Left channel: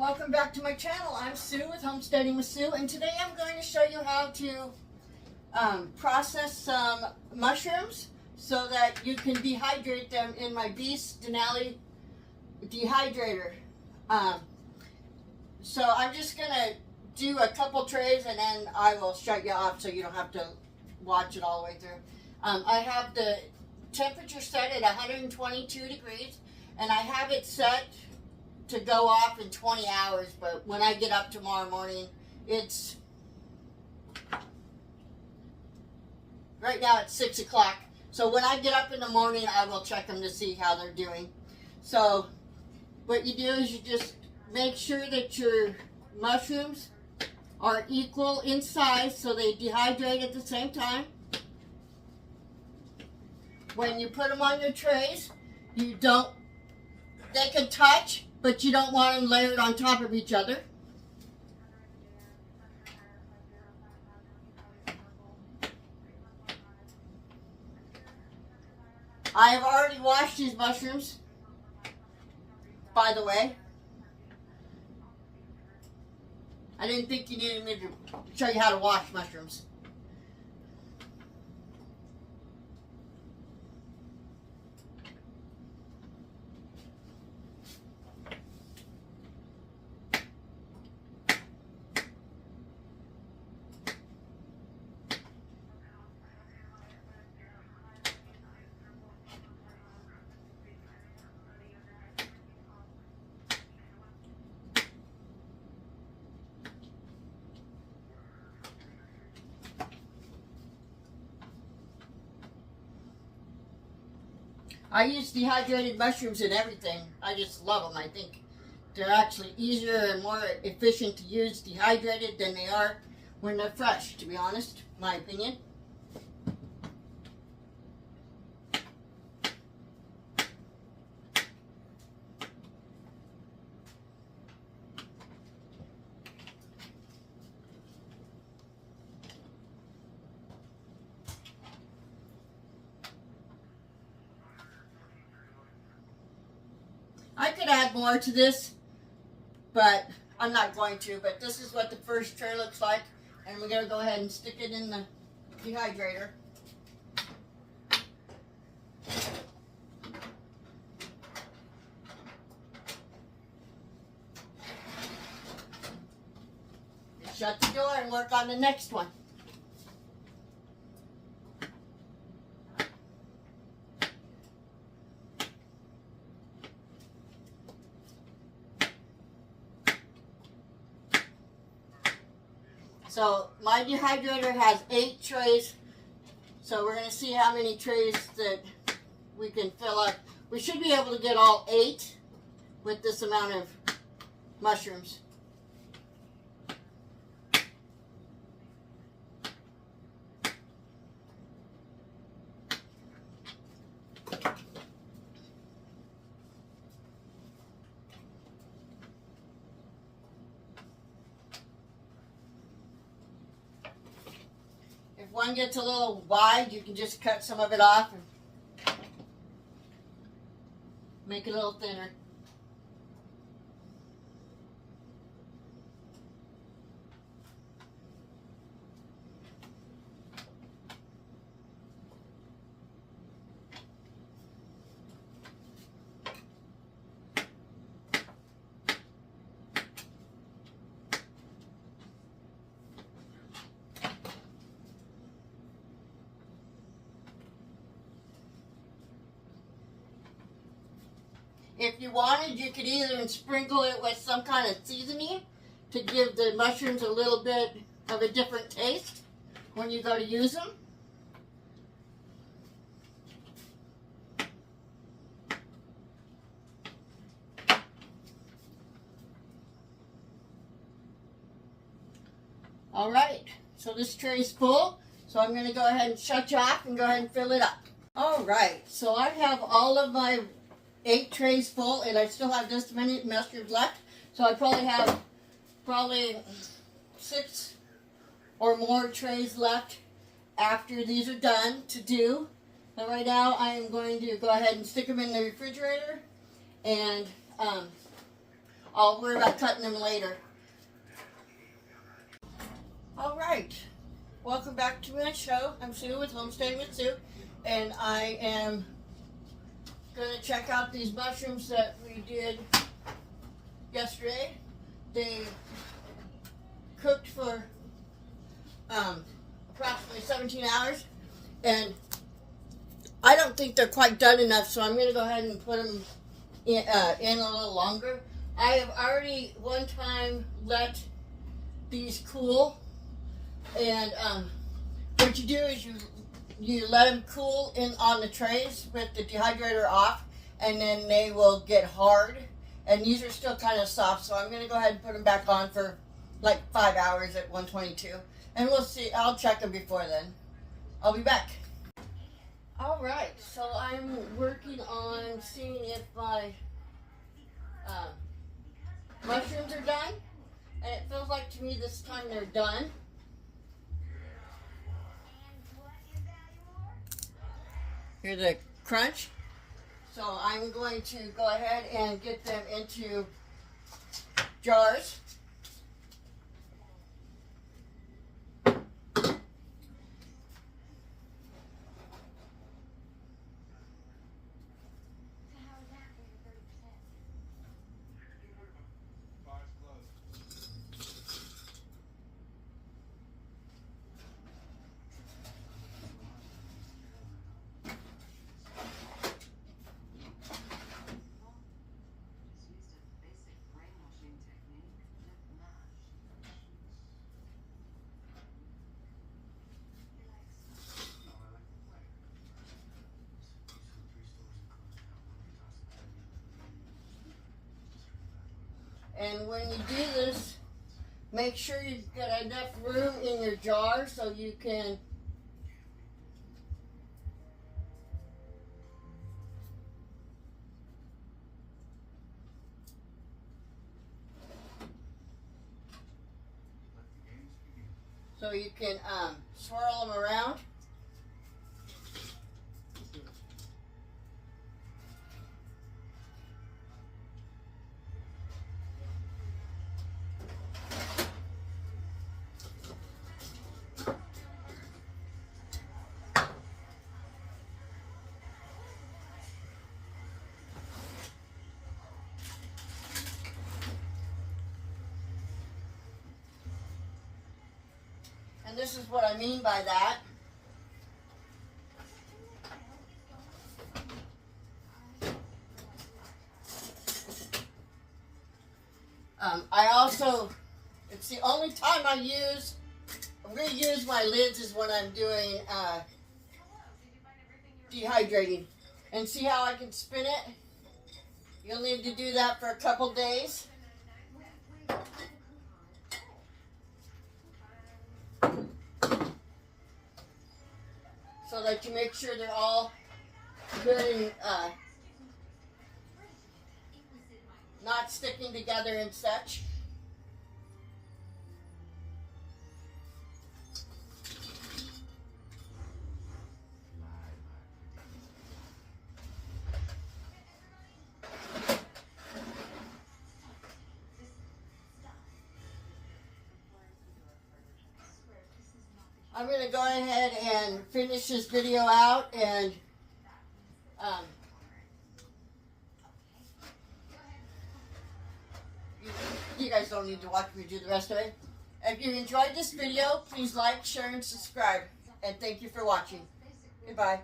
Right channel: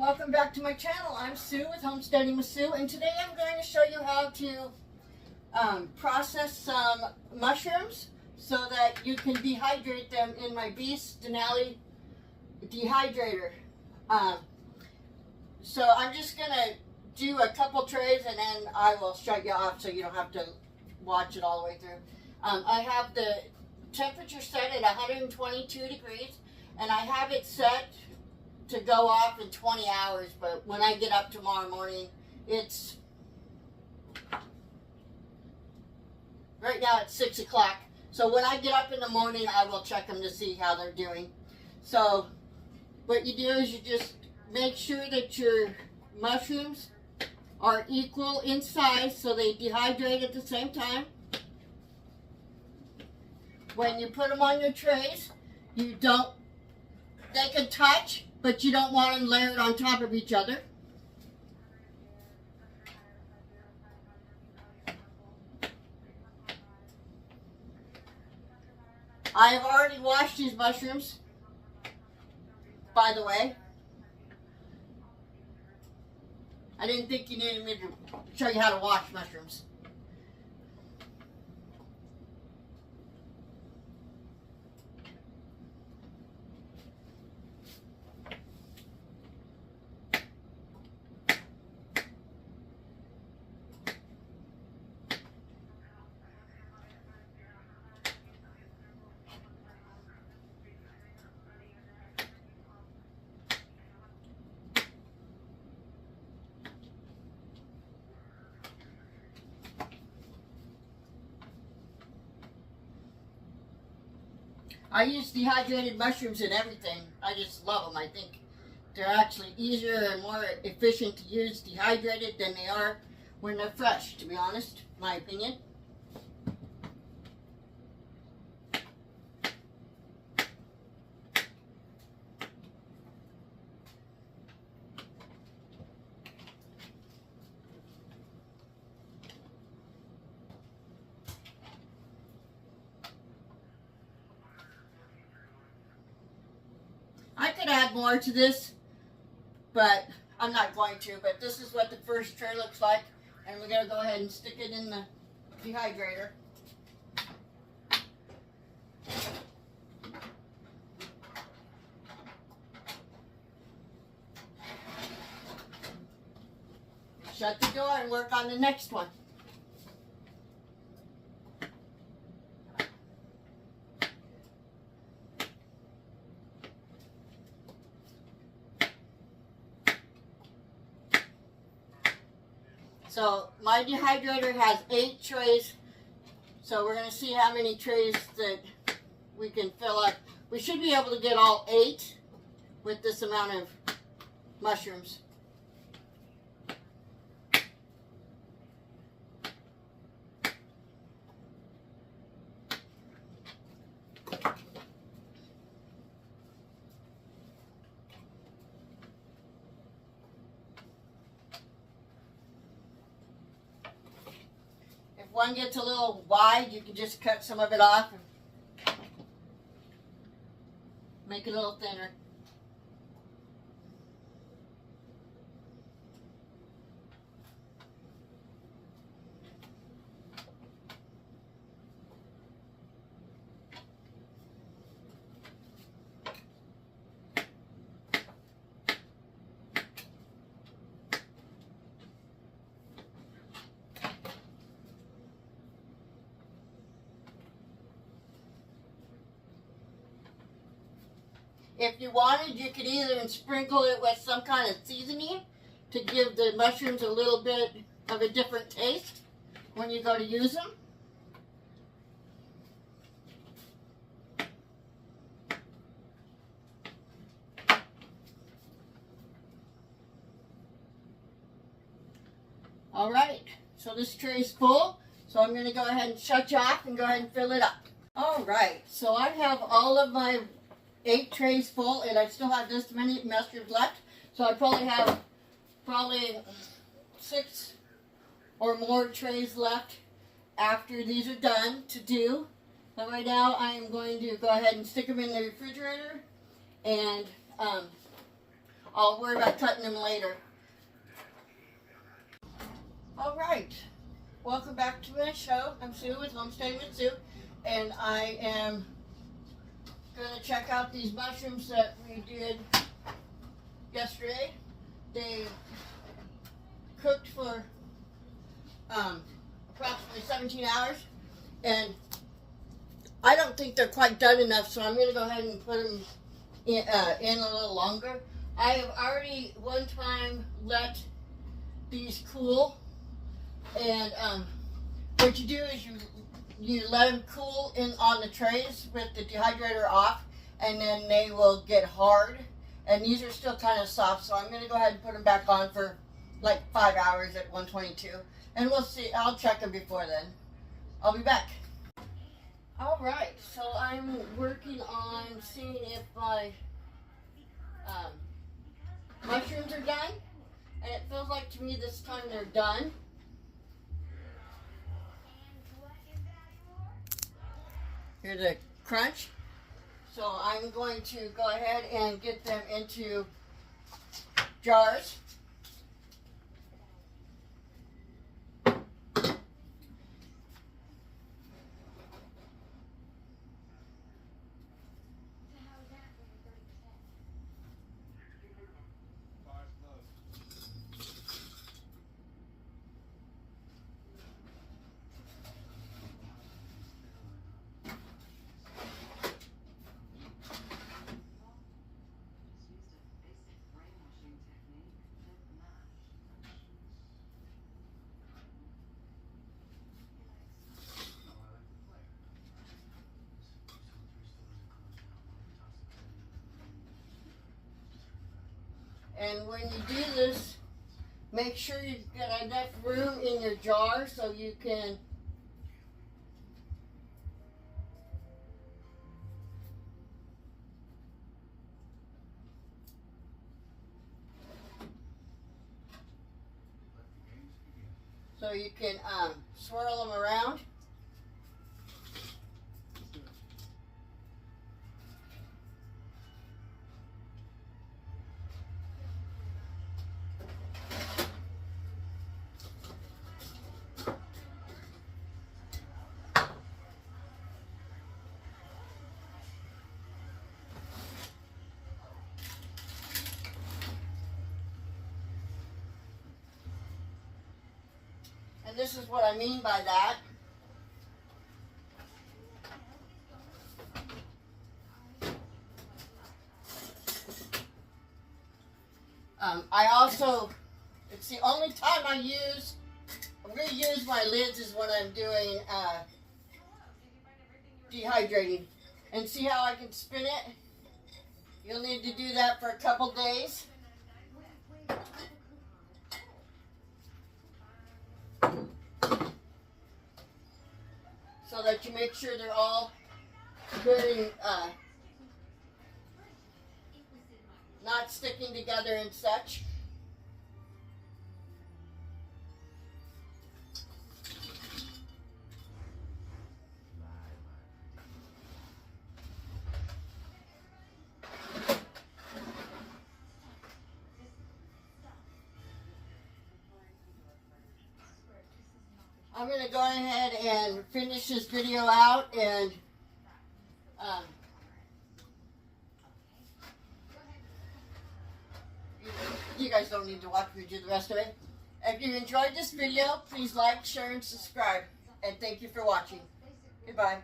Welcome back to my channel. I'm Sue with Homesteading with Sue, and today I'm going to show you how to process some mushrooms so that you can dehydrate them in my Beast Denali Dehydrator. So I'm just going to do a couple trays and then I will shut you off so you don't have to watch it all the way through. I have the temperature set at 122 degrees and I have it set to go off in 20 hours, but when I get up tomorrow morning, it's right now it's 6 o'clock. So when I get up in the morning, I will check them to see how they're doing. So what you do is you just make sure that your mushrooms are equal in size so they dehydrate at the same time. When you put them on your trays, they can touch, but you don't want them layered on top of each other. I have already washed these mushrooms, by the way. I didn't think you needed me to show you how to wash mushrooms. I use dehydrated mushrooms in everything. I just love them. I think they're actually easier and more efficient to use dehydrated than they are when they're fresh, to be honest, my opinion. I could add more to this, but I'm not going to. But this is what the first tray looks like. And we're going to go ahead and stick it in the dehydrator. Shut the door and work on the next one. So my dehydrator has 8 trays, so we're going to see how many trays that we can fill up. We should be able to get all 8 with this amount of mushrooms. If one gets a little wide, you can just cut some of it off and make it a little thinner. If you wanted, you could either sprinkle it with some kind of seasoning to give the mushrooms a little bit of a different taste when you go to use them. All right, so this tray is full, so I'm going to go ahead and shut you off and go ahead and fill it up. All right, so I have all of my 8 trays full, and I still have this many mushrooms left. So I probably have 6 or more trays left after these are done to do. But right now I am going to go ahead and stick them in the refrigerator and I'll worry about cutting them later. All right, welcome back to my show. I'm Sue with Homesteading with Sue, and I am gonna check out these mushrooms that we did yesterday. They cooked for approximately 17 hours, and I don't think they're quite done enough, so I'm gonna go ahead and put them in a little longer. I have already one time let these cool, and what you do is you let them cool in on the trays with the dehydrator off, and then they will get hard. And these are still kind of soft, so I'm going to go ahead and put them back on for like 5 hours at 122, and we'll see. I'll check them before then. I'll be back. All right, so I'm working on seeing if my mushrooms are done, and it feels like to me this time they're done. Here's the crunch. So I'm going to go ahead and get them into jars. And when you do this, make sure you've got enough room in your jar so you can swirl them around. And this is what I mean by that. I also, it's the only time I'm going to use my lids is when I'm doing dehydrating. And see how I can spin it? You'll need to do that for a couple days. So that you make sure they're all good and not sticking together and such. I'm going to go ahead and finish this video out, and you guys don't need to watch me do the rest of it. If you enjoyed this video, please like, share, and subscribe. And thank you for watching. Goodbye.